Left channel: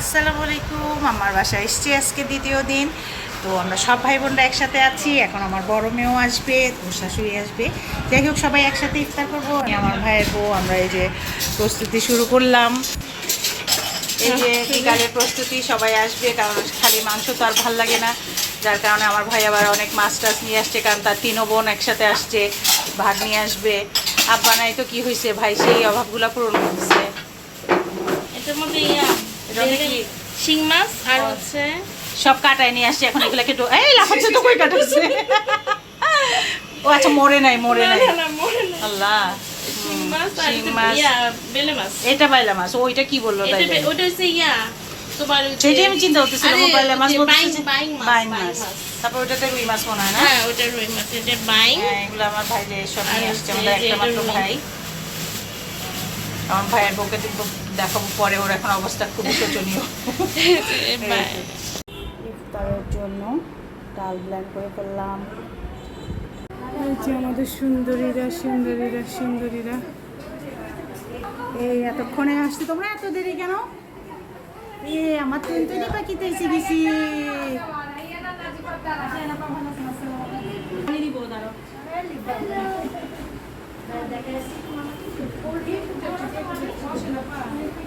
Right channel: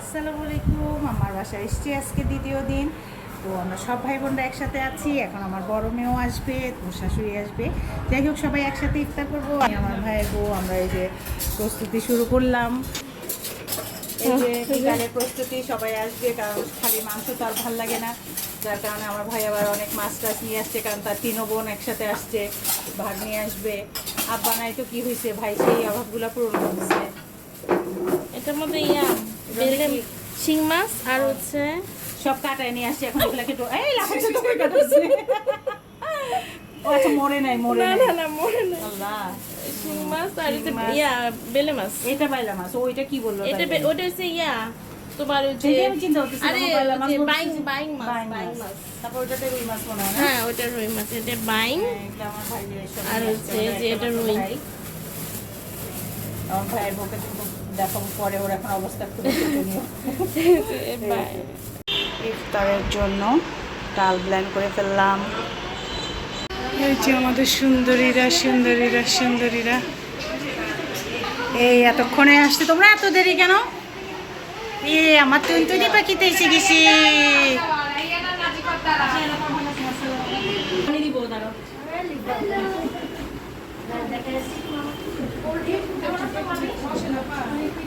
আসসালামু আলাইকুম, আমার বাসায় এসছি আজকে দ্বিতীয় দিন। তো আমরা সব ভাই বোনরা একসাথে আছি, এখন আমার বড় মেয়েও আসবে, ওর শাশুড়ি আসবে। যাই হোক, সবাই একসাথে ইফতার করব, আমি আমার ভাইয়ের বউ, আমরা এই যে প্রস্তুতি শুরু করলাম। এই যে বিকালের প্রস্তুতি, সবাই আসবে, কারণ খালি মাংস তো আর ভালো লাগে না। যার কারণে আমার ভাই আবার অনেক মাছ টাছ নিয়ে আসছে, কারণ তার তিনও বোন একসাথে আসছে ভাগ নিয়ে আসবে। আব্বা নাই তো কি হয়েছে ভাই, সেই অভাবগুলো পূরণ করছে এটার মধ্যে? শিং মাছ আর হচ্ছে সব কাটায় নিয়ে আসছে এখন এগুলো একটু এই লাফাচ্ছে তো কই কাটাচ্ছে ও আচ্ছা মরে নাই মরে নাই। আল্লাহ। এটা বাইলা মাছ ওইটা কি বলল ওটা হচ্ছে ইয়া তোমার সেটাই আমি চিন্তা করতেছিলাম বাইলা মাছ বলতেছি বাইং- মাছ, বাইং বাইং মাছ। মাছ। তারপর ওটাতে রুই মাছ মনে হয় না? হ্যাঁ ওটা রুই মাছ এটা বাইং। হ্যাঁ এগুলো আমার ভাই সব নিয়ে আসছে হচ্ছে আমরা যে একটা মাত্র রুই। ভাই আমার ভাইয়ের বউকে কিন্তু দেখাবো পরে ওর এখন অবস্থা খুবই শোচনীয়। ইফতারের জন্য ডাল ব্ল্যান্ড করে ফেললাম। এই যে আমাদের সুন্দরীরা সুন্দরীরা সুন্দরীরা। এই এতক্ষণে আসতে তোমরা এত দেরি কেন? এ আমার তুই তুই পাখিতে এসে গেছি।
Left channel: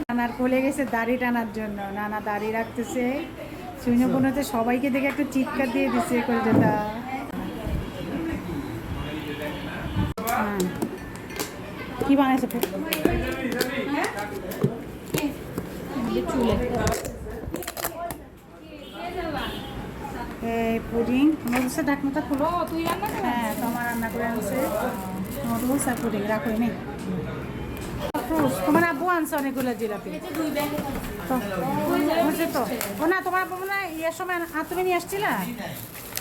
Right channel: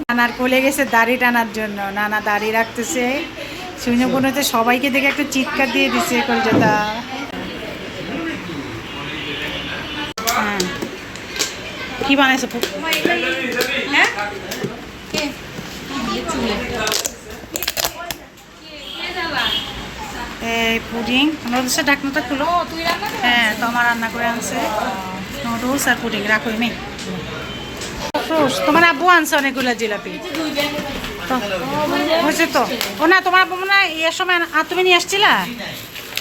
নানার কোলে গেছে দাড়ি টানার জন্য। নানা দাড়ি রাখতেছে। শুনে মনে হচ্ছে সবাইকে দেখে একটা চিৎকার দিয়ে দিছে কলকাতা হ্যাঁ। কি বানাইছে? এই পুডিং নুডলস ঢাকনাটা খুলো। হ্যাঁ তো আমার রান্না করে আনছে। নুডলস আর পুডিং, রাখো নেই তোমার আব্বু আনছে অনেকগুলো জিলাপি। তো হয়েছে তো। ও না তোমার আব্বু মনে হয় ইয়ের সময় তুমি নিয়ে আসছিলা?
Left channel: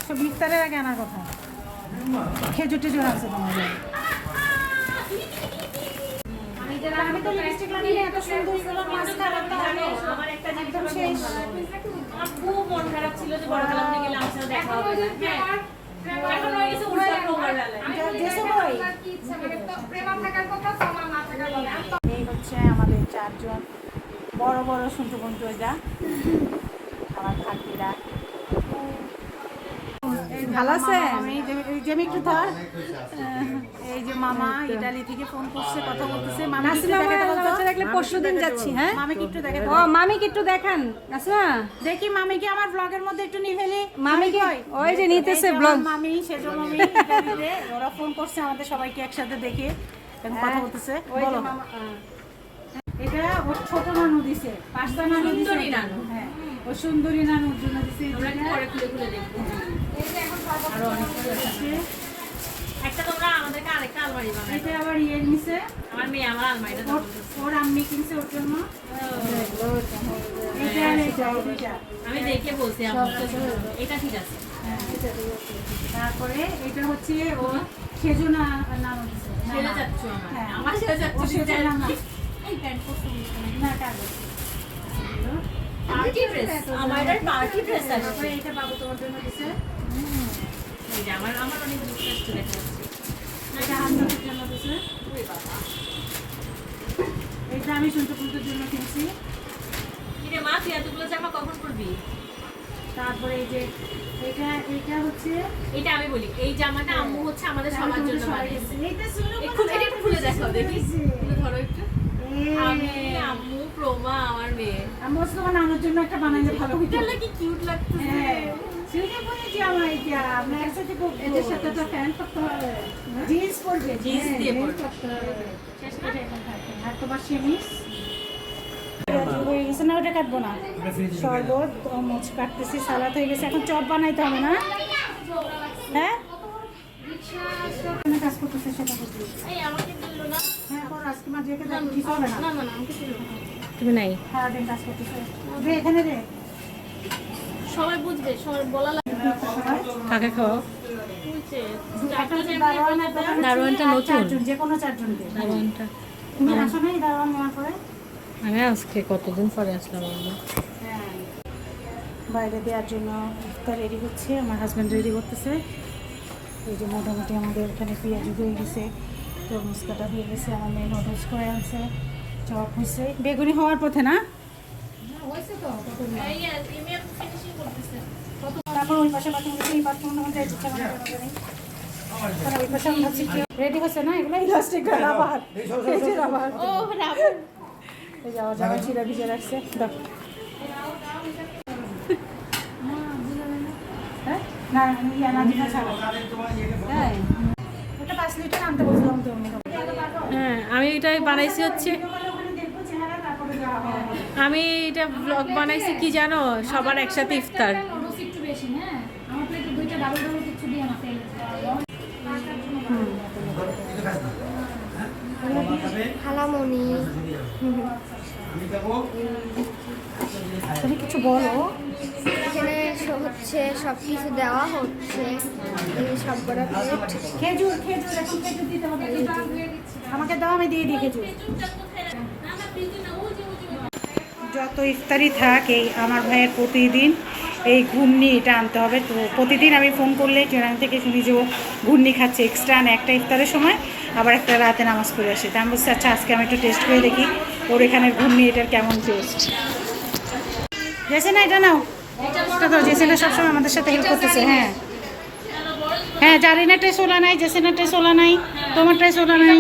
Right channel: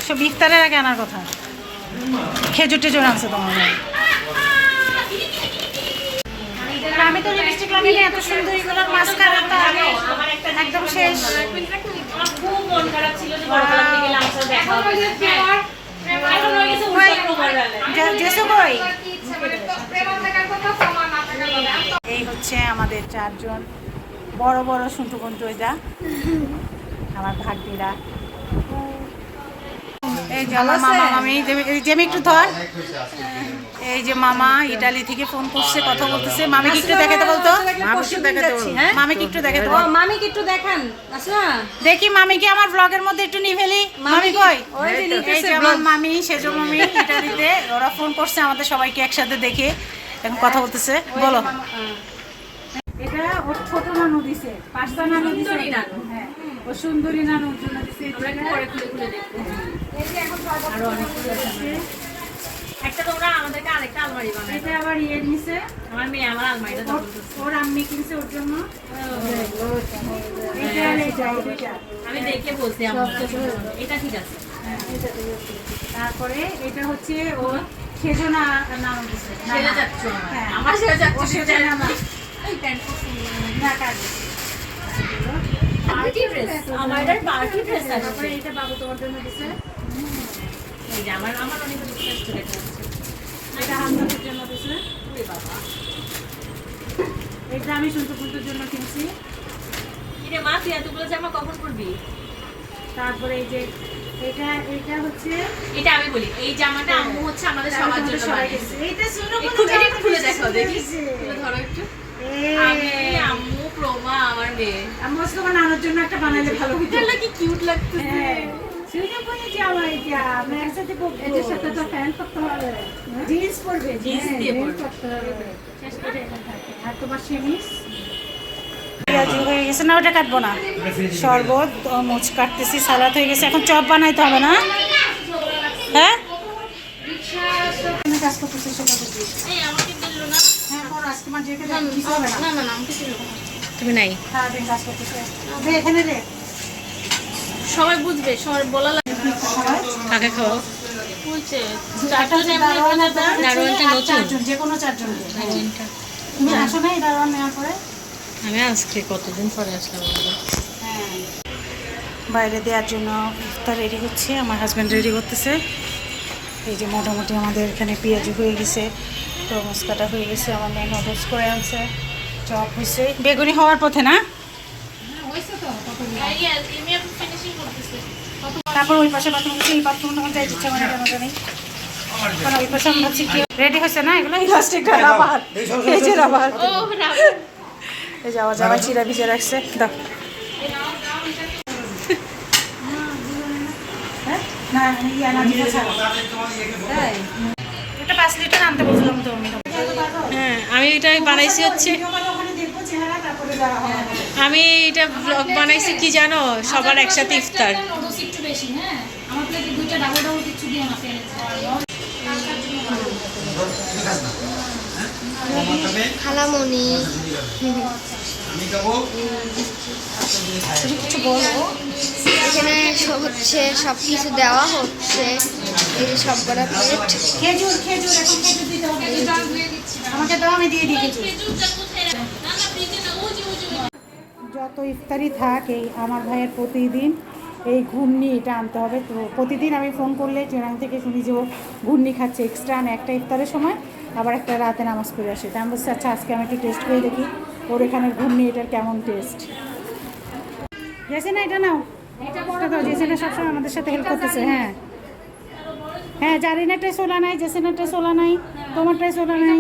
সব ইফতারের আগে আনার কথা। খেজুর টেজুর আনছে তোমার আমি তো লিপস্টিক লাগাই এত সুন্দর এগুলোর মাস্কারা তো একদম শেষ। খুব মন খারাপ ছিল যে সাথে দেখা হবে কই চারজন। বড় বড় সুন্টু কুন্টু এটা। আমার ভাগ্যিরা এই যে আমার মামা মামি জেমি- একটু ধর। এই যে মামা ইটালি থেকে ফোন করছে কথা বলতেছে। মামি কি একটু দেখাতে বলতো। মামি কি একটু দেখাতে বল। মামিকে একটু দেখান আচ্ছা দেখি মামিকে আমার ব্লগের মধ্যে একটু নিয়ে ফেলি। মামি কই? ওই যে নিতেছে আমার মামি সেজ মামি ইটালিতে। ওরা ফোন করছে আমাদের সবাইকে একসাথে দেখে। এখন কথা বলতেছে। বলো। এটা ওর ছোট নানু দিছে পাঁচটা নানু দিছে হ্যাঁ ও সুন্দরী নানুর জন্য দিছে পরে খুলে খুলে দেখব। আর অনেকগুলো আছে। একটা তোমরা আমাদেরকে আরেকটা আলমারি বানাই এটা আবার ইয়ে নিছে। আমার মেয়ে আমার আলমারিটা ওর- ওর আম্মি কিনছে ওর জন্য। এটা আর এটা আমি দেখে বলছি আমার এটা ঠিক আছে। হ্যাঁ। তারপরে এটা হচ্ছে ও খেজনা নাম দিছে। হ্যাঁ। আমার সেজনা পার্টি ড্রেস? আমার পার্টি ড্রেস আছে। এটা বাবু তোমার জন্য দিছে। এই যে আমার আমার অনেক কিছু আসছে যাচ্ছে। এটা হান্নাতের জন্য দিছে। ওরে বাবা। এটা আমি শুনতে শুনতের জন্য কিনছি। মা তুই এতগুলো জামা কখন পরবি? তারপরে এই যে এটা এটা হচ্ছে এটা আমি বলি এই জামাটা আম্মু হচ্ছে আমাদের সবার জন্য। এইটা শুনো একটু খুলে দেখো। দেখি। ধরো একটু। আমি আম্মু প্রমা আমার মেয়ে। আমি তোমার নানার জন্য একটা বানালে ভালো হতো এটা কি কিউট লাগতেছে। হ্যাঁ শুনে বলেছি আমার এটা আমি একসাথে করব এটার সাথে তো প্যান্ট করতে হবে। জিন্স পরবে। জিন্স হ্যাঁ, দিয়ে পরতে হবে। শেষ করে এখন থাকে। আর তোমার সেমিস হয়ে গেছে। না ওটা কাটবো না। শরবত মোচ কাটতেছি সালাদ হয়ে গেছে। এখন চপ বানাইতে হবে না? হ্যাঁ? কাজ করতেছো সেটা তুমি নাই। সারাদিন কাজ করতেছে। দে এখানে রে। সবাই বুঝবে সবাই বলা লাগবে। সবাই কাকে খাও আমি আজকে কতদিন পরে আসলাম হ্যাঁ। বাইরে দেওয়ার জন্য ইফতার রেডি হচ্ছে আমার হাজব্যান্ড রেডি করতেছে। এই যে মোটামুটি আমাদের এখানে পেঁয়াজি হয়ে গেছে। তরমুজ কাটা হয়ে গেছে আমার মেয়ে করে আনছে। চপ হয়েছে। বেগুনি হওয়ার পথে না? হয়েছে তো এই যে, এমনি আমি finishing করতেছি। তারপর ওই পাশে বাথরুম আছে এই বাথরুম আমার যাই মানে কেন ওই পাশে আমরা রেডি হয়েছে না? এগুলো? ইলাস্টিকটা রাবার এই যে রাবার এই যাওয়া যাওয়া চিরা ভিজে রাখছে দাও। হ্যাঁ? না ইয়া ছাড়ো। পাঁচ লিটার আনতে বলছিলাম তো আমি। হ্যাঁ আমি এটা বানাইছি হচ্ছে। হয়। আমি এটা ব্লগ বানাইছি কি জানো? সবার একসাথে ইফতার। নুডলস একটু বেশি হ্যাঁ আমার প্লেটে দুইটা ডাবল ডাবল কিছু দিও না ফেলে খালামণি এখানে হচ্ছে সব কিছু দেওয়া হচ্ছে। এই যে সব কটা প্লেট খেজুর খেজুর এখন খেজুর দিতে হবে। আমাকে দাও আমি দিয়ে দিই খেজুর। যত ইফতারি থাক এই আমার ভাইয়ের প্রতিদিন এই ঘূর্ণি এটা আনতে হবে। তো প্রতিদিন আমি ফোন করলে ট্রেনাং থেকে শুনি যে ও ঘূর্ণি খাচ্ছে এক্সট্রা আনে একটা ইফতারের সময় আবার একটা রাতে নামাজ পড়ে আসে। তা আমি বলছি আচ্ছা আজকে আমি একটু টেস্ট করে দেখি ওর এখানে ঘূর্ণি এটার কেমন টেস্ট জেসে না এটা নাও। এটা তো জেসিনা সবসময় আমাদের সাথে হেল্প করতেছে হ্যাঁ। হ্যাঁ জারিনাটাই সোলা নাই জেসিনাটাই সোলা নাই তোমারটাই ওলা নাই।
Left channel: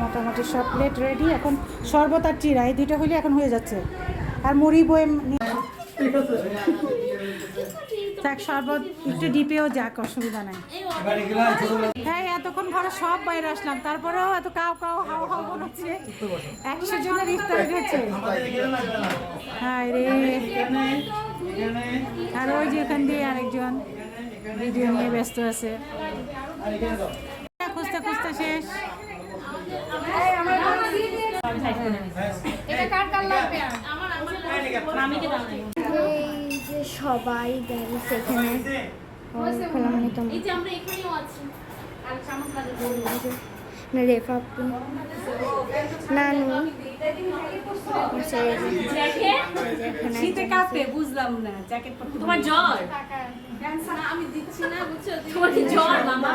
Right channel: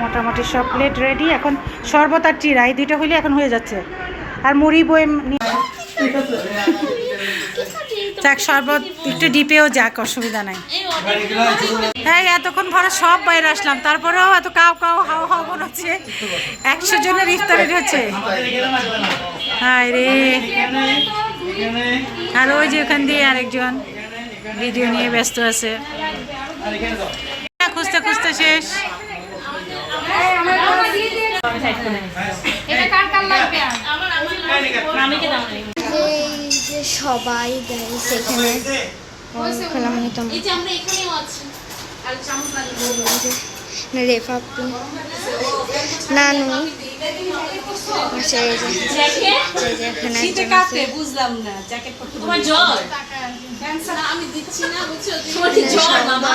মোটামুটি সব প্লেট রেডি এখন শরবত আর চিরা এই দুইটা হইলে এখন হয়ে যাচ্ছে। আর মুড়ি বয়ে নিয়ে- যাক, শরবত একটু ডিপেও যাক, অসুবিধা নাই। হ্যাঁ এতক্ষণ ভরা সব বাইরে আসলাম, তারপরেও এত কাউ কাউ হাও হাও মনে হচ্ছে, একশো জনের ইফতারি হচ্ছে। রে। আর ওই যে ওখান দিয়ে আরেকজন ভিডিও নিয়ে ব্যস্ত আছে। খুঁজতে খুঁজতে শেষ মামিকে দাও না। এই যে সবাই আছি। আর চামচ লাগবে। রেফাপি নানু আচ্ছা বুঝলাম না জ্যাকেট তোমার জ্বর। আমি দিচ্ছি না, বুঝছ? তোমার জ্বর, মামা?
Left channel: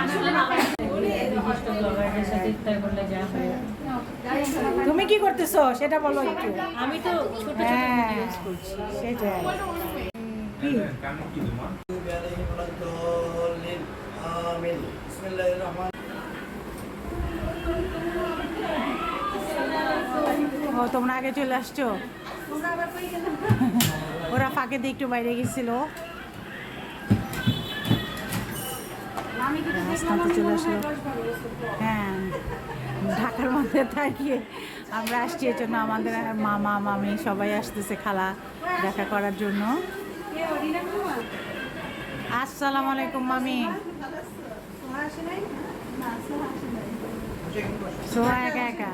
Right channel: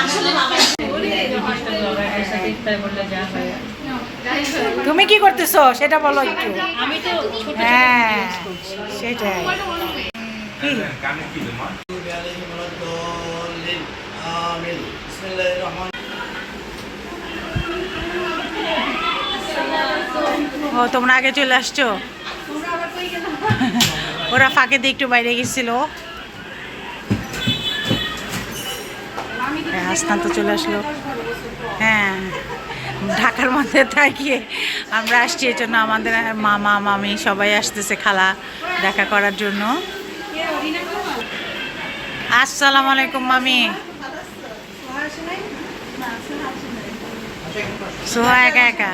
আসলে মামা তুমি কি করতেছো? সেটা বলো একটু। আমি তো হ্যাঁ সেটাই। ও তোমরা আগে চলে আসছো? ওরা ফাঁকে দিয়ে একটু বাইরে গেছিল। হ্যাঁ, হাসনান তো চলে আসলো। হ্যাঁ। ঢাকার মধ্যে থাকিয়ে আমরা আসছি এর জন্য আমাদের মামা, মামি সবাই আসতেছে খালা দেখা করার জন্য। আসসালামু আলাইকুম, মামি। সোহা একা একা?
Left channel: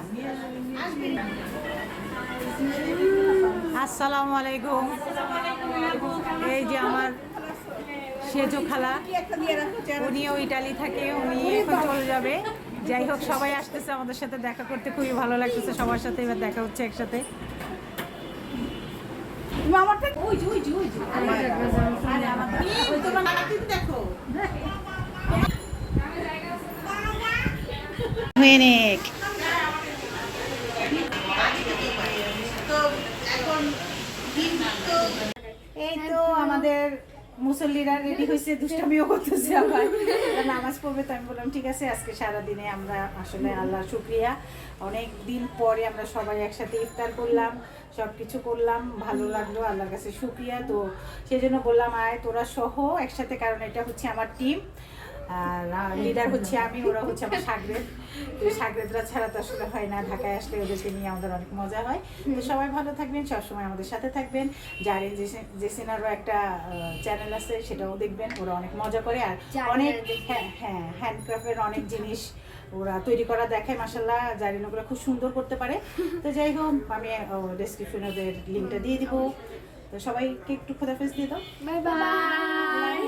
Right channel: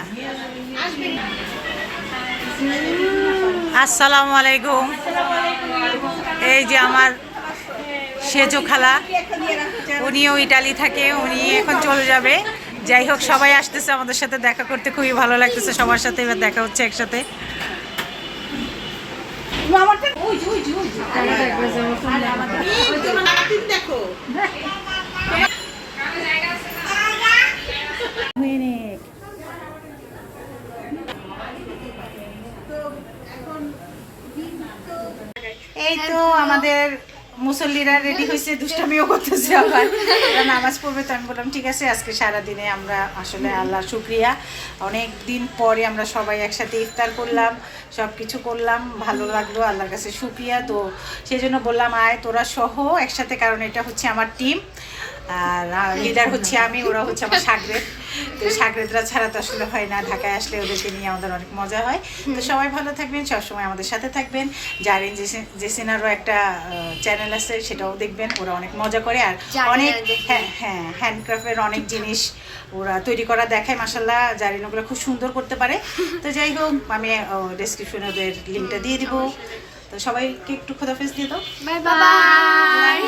আসসালামু আলাইকুম। এই যে আমার সেজো খালা, উনিও ইটালি থাকে, উনি এখন চলে যাবে। যাই হোক সবাই আসতেছে আমাদের সাথে দেখা করতে খুবই ভালো লাগতেছে। সবার সাথে এবার দেখা হচ্ছে একসাথে। এই তো আমাদের মুসল্লিরা রেডি হয়েছে, দুষ্টামিও করতেছে আবার নামাজ পড়বে, তো আমি বললাম, ঠিক আছে, আজকে সারা দিনে আমরা আসলে আল্লাহ শুক্রিয়া। অনেক দিন পরে আমরা সবাই একসাথে ইফতার করলাম সব কিছু করলাম, ভালো লাগল, আল্লাহর কাছে শুক্রিয়া। তো সেই জন্য বললাম, আয়, তোরা সহ, একসাথে, কারণ এটা হচ্ছে আমার টিম আর লিডার হচ্ছে আমি, ওরা হচ্ছে আমার সাগরেদ তো সাগরেদরা ছাড়া তো আসলে হয় না ঢাকায় আসলে ওদেরকে নিয়ে আমাদের অনেক মজা হয়। তো সবাই ভালো থাকবেন সবসময় আমাদের সাথে থাকবেন। জারেন জেসিনারও একটা চ্যানেল আছে সেটাও দেখবেন ওরা অনেক মজা করে আর অনেক। হ্যাঁ হ্যাঁ হ্যান্ডক্রাফটের অনেক জিনিস ওরা তৈরি করা দেখায় মাসাল্লাহ জারিন ওগুলো খুব সুন্দর করতে পারে। তো যাই হোক আমি ডেসক্রিপশনে ওদের লিঙ্কটা দিয়ে দিব। তো সবাইকে একটু খোদাফেজ দিয়ে দাও। Bye bye.